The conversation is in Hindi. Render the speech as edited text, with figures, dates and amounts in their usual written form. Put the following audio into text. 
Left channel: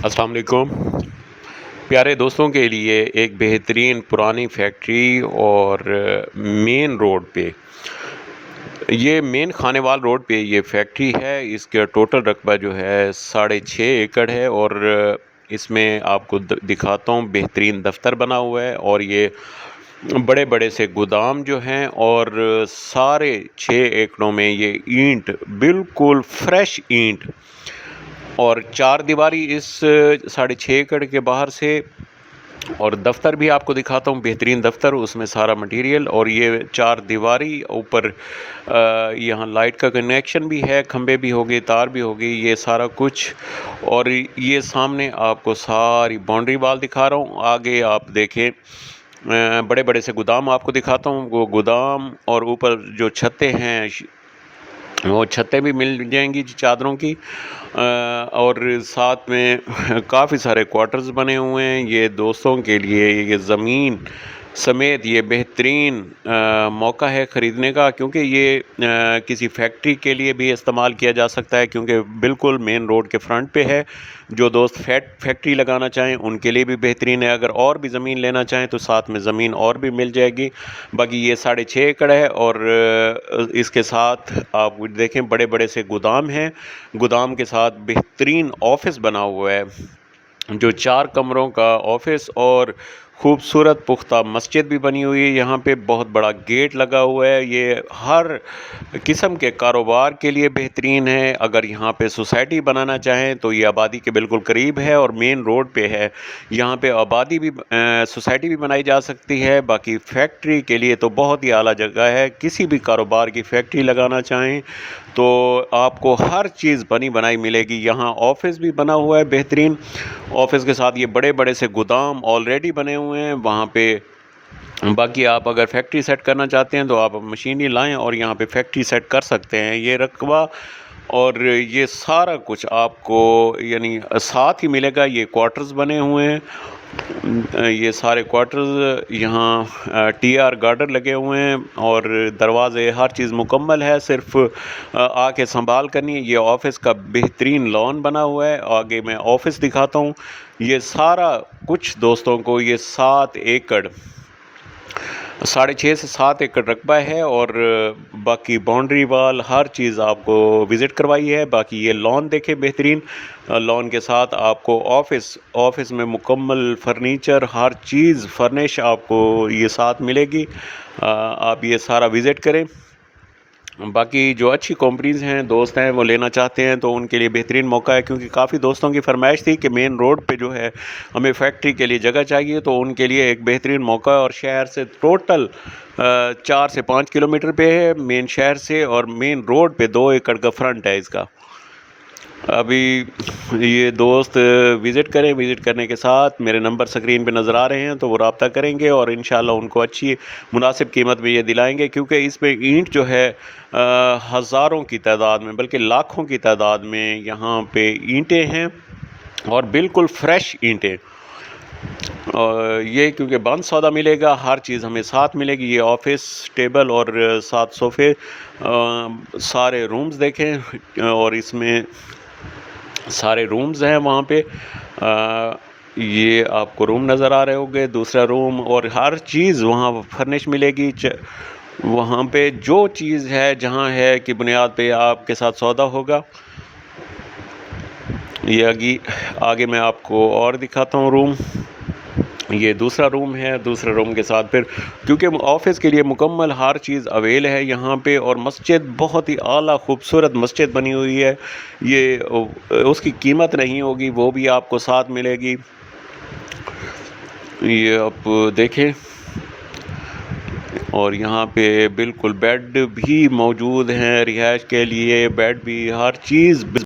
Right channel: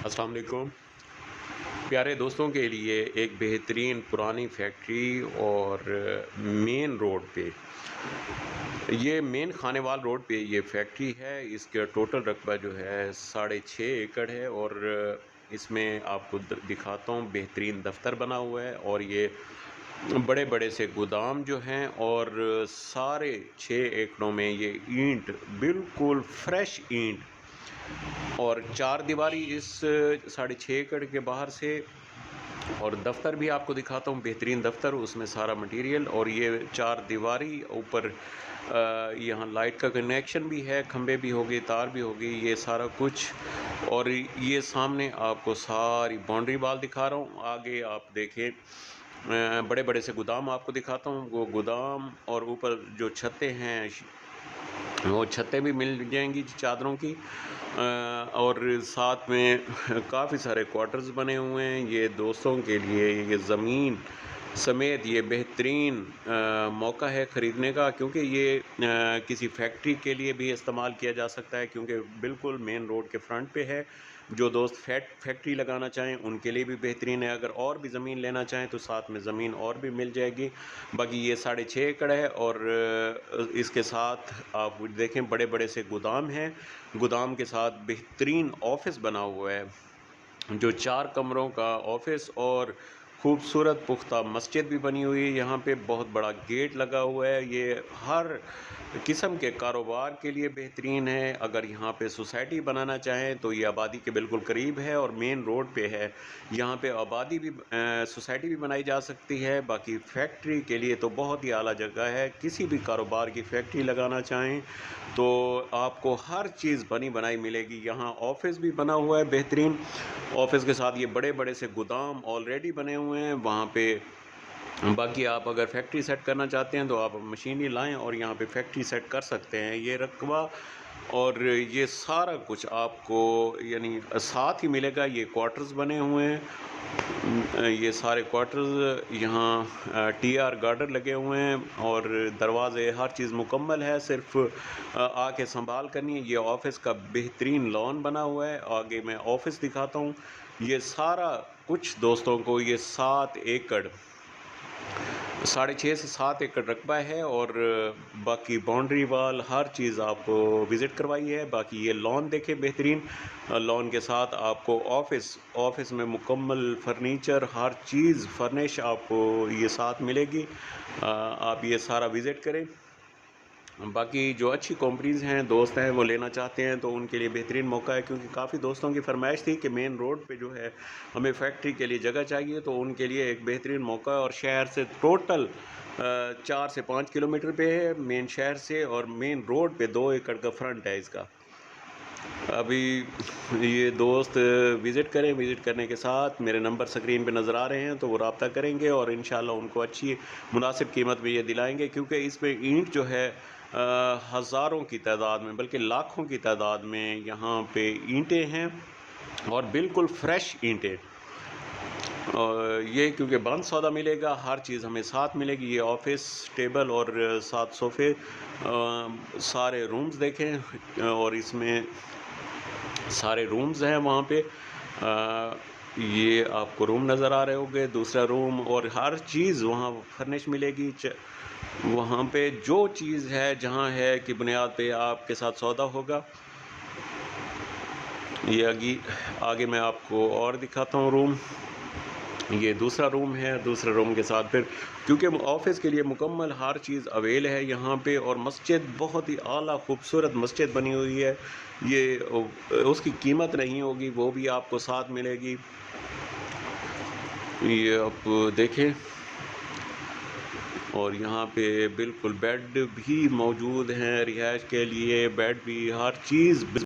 अस्सलाम वालेकुम। प्यारे दोस्तों के लिए एक बेहतरीन पुरानी फैक्ट्री और मेन रोड पे, ये मेन खानेवाल रोड पे ये फैक्ट्री है। इसका टोटल रकबा जो है 6.5 एकड़ है और इसमें आपको दिखाता हूँ, बेहतरीन दफ्तर बना हुआ है और ये बड़े बड़े से गोदाम जो हैं और सारे 6 एकड़ों में ये ईंट, बिल्कुल फ्रेश ईंट और चार दीवारी इस 6.5 एकड़ के बाहर से। और दफ्तर भी आपको दिखाता हूँ, बेहतरीन दफ्तर, उसमें सारा मटेरियल और ये चार दीवारी ऊपर। यहाँ लाइट का कनेक्शन भी है, खंबे भी हो गए, तार भी हो गई, ये सारा कुछ। और ये सामने आपको सारी बाउंड्री वाल दिखा रहा हूँ। आगे आप देखें, बड़े बड़े से गोदाम आपको दिखाता हूँ। वो गोदाम और ऊपर जो छतें हैं, वो छतें भी मिल जाएंगी चादरों की। और साथ में काफ़ी सारे क्वार्टर्स बने हुए हैं। ये दोस्तों के लिए ये ज़मीन समेत ये बेहतरीन मौका है ख़रीदने का, क्योंकि ये किसी फैक्ट्री के लिए भी इस्तेमाल किया जा सकता है, क्योंकि बिल्कुल मेन रोड के फ्रंट पे है। जो दोस्त फैक्ट्री लगाना चाहें उनके लिए भी बेहतरीन है। अगर और भी ज़मीन लेना चाहें तो साथ में ज़मीन और भी मिल जाएगी। बाकी ये 6.5 एकड़ है और इसके साथ आप देखें, बड़े बड़े से गोदाम हैं। गोदाम के साथ बेहतरीन ऑफिस बना हुआ है, जो 4 कमरों का ऑफिस, और खूबसूरत पुख्ता मस्जिद भी बनी हुई है। यहाँ पे बहुत बड़ा गेट लगा हुआ है। ये हर किस्म के कारोबार के लिए बेहतरीन है। अगर यहाँ पे सोसाइटी बनाना चाहें तो ये आबादी के बिल्कुल करीब है और मेन रोड पे है। यहाँ पे आबादी भी सोसाइटी भी बनाई जा सकती है। बाकी फैक्ट्री के लिए तो बहुत ही आला जगह है। किसी भी कारोबार की फैक्ट्री लगाना चाहें तो आपको हर चीज़ बनी बनाई मिलेगी। यहाँ ऑफिस भी बना हुआ है बेहतरीन। ऑफिस के साथ ये बड़े बड़े से गोदाम ऑलरेडी बने हुए हैं वहाँ पे। बाकी आप अगर फैक्ट्री सेट करना चाहते हैं तो आप मशीनरी लाएं और यहाँ पे फैक्ट्री सेट कर सकते हैं। ये रकबा और ये सारा कुछ आपको यानी साथ ही मिलेगा। ये क्वार्टर्स बने हुए हैं, ये सारे क्वार्टर्स। यहाँ टीआर गार्डर लगे हुए हैं और दरवाजे, हर चीज़ मुकम्मल है। सिर्फ आके संभाल करनी है। ये ऑफिस का बेहतरीन लॉन बना हुआ है। आगे मैं ऑफिस दिखाता हूँ। ये सारा कुछ दोस्तों को, ये 7 एकड़, 6.5 से 7 एकड़ रकबा है और बाकी बाउंड्री वाल हर चीज़ आपको विज़िट करवाई है। बाकी ये लॉन देखें, बेहतरीन लॉन के साथ आपको ऑफिस में मुकम्मल फर्नीचर, हर चीज़ फर्निश आपको ये साथ मिलेगी। आप ये सारा विज़िट करें। बाकी जो अच्छी कंपनीज़ हैं, दोस्त हैं, वो लेना चाहते हैं तो उनके लिए बेहतरीन मौका है, क्योंकि काफ़ी दोस्तों की फरमाइश थी कि मेन रोड पे जो है हमें फैक्ट्री के लिए जगह चाहिए। तो उनके लिए एक बेहतरीन मौका है। और शहर से टोटल 4 से 5 किलोमीटर पे है मेन शहर से, और मेन रोड पे 2 एकड़ का फ्रंट है इसका। अभी ये दोस्त विज़िट करें। विज़िट करने के साथ मेरे नंबर स्क्रीन पे नज़र आ रहे हैं, तो वो रब्ता करेंगे और इंशाल्लाह उनको अच्छी मुनासिब कीमत में ये दिलाएंगे, क्योंकि इसमें ईंट जो है हज़ारों की तादाद में, बल्कि लाखों की तादाद में यहाँ पे ईंटें हैं और बिल्कुल फ्रेश ईंटें। ये क्योंकि बंद सौदा मिलेगा, हर चीज़ हमें साथ मिलेगी। ये ऑफिस, टेबल और 7 सोफ़े, सारे रूम्स देखें और इसमें सारे रूम्स हैं वहाँ पे। ये आपको रूम नज़र आ रहे होंगे, दूसरा रूम, और हर चीज़ वहाँ फर्निश मिलेगी। वहाँ पे जो चीज़ है, जहाँ है कि बुनियाद पे आपके साथ सौदा होगा। ये आगे मैं आपको और दिखाता हूँ रूम। ये दूसरा रूम है। दूसरा रूम के साथ फिर, क्योंकि ऑफिस के लिए मुकम्मल हर चीज़ अवेल है यहाँ पे। और मस्जिद बहुत ही आला खूबसूरत मस्जिद बनी हुई है। ये उसकी कीमत नहीं होगी, वो भी आपको साथ मिलेगी। ये आप देखें, और यहाँ पे बिल्कुल बेड भी मौजूद हैं रिहाइश के लिए। बेड भी, हर चीज़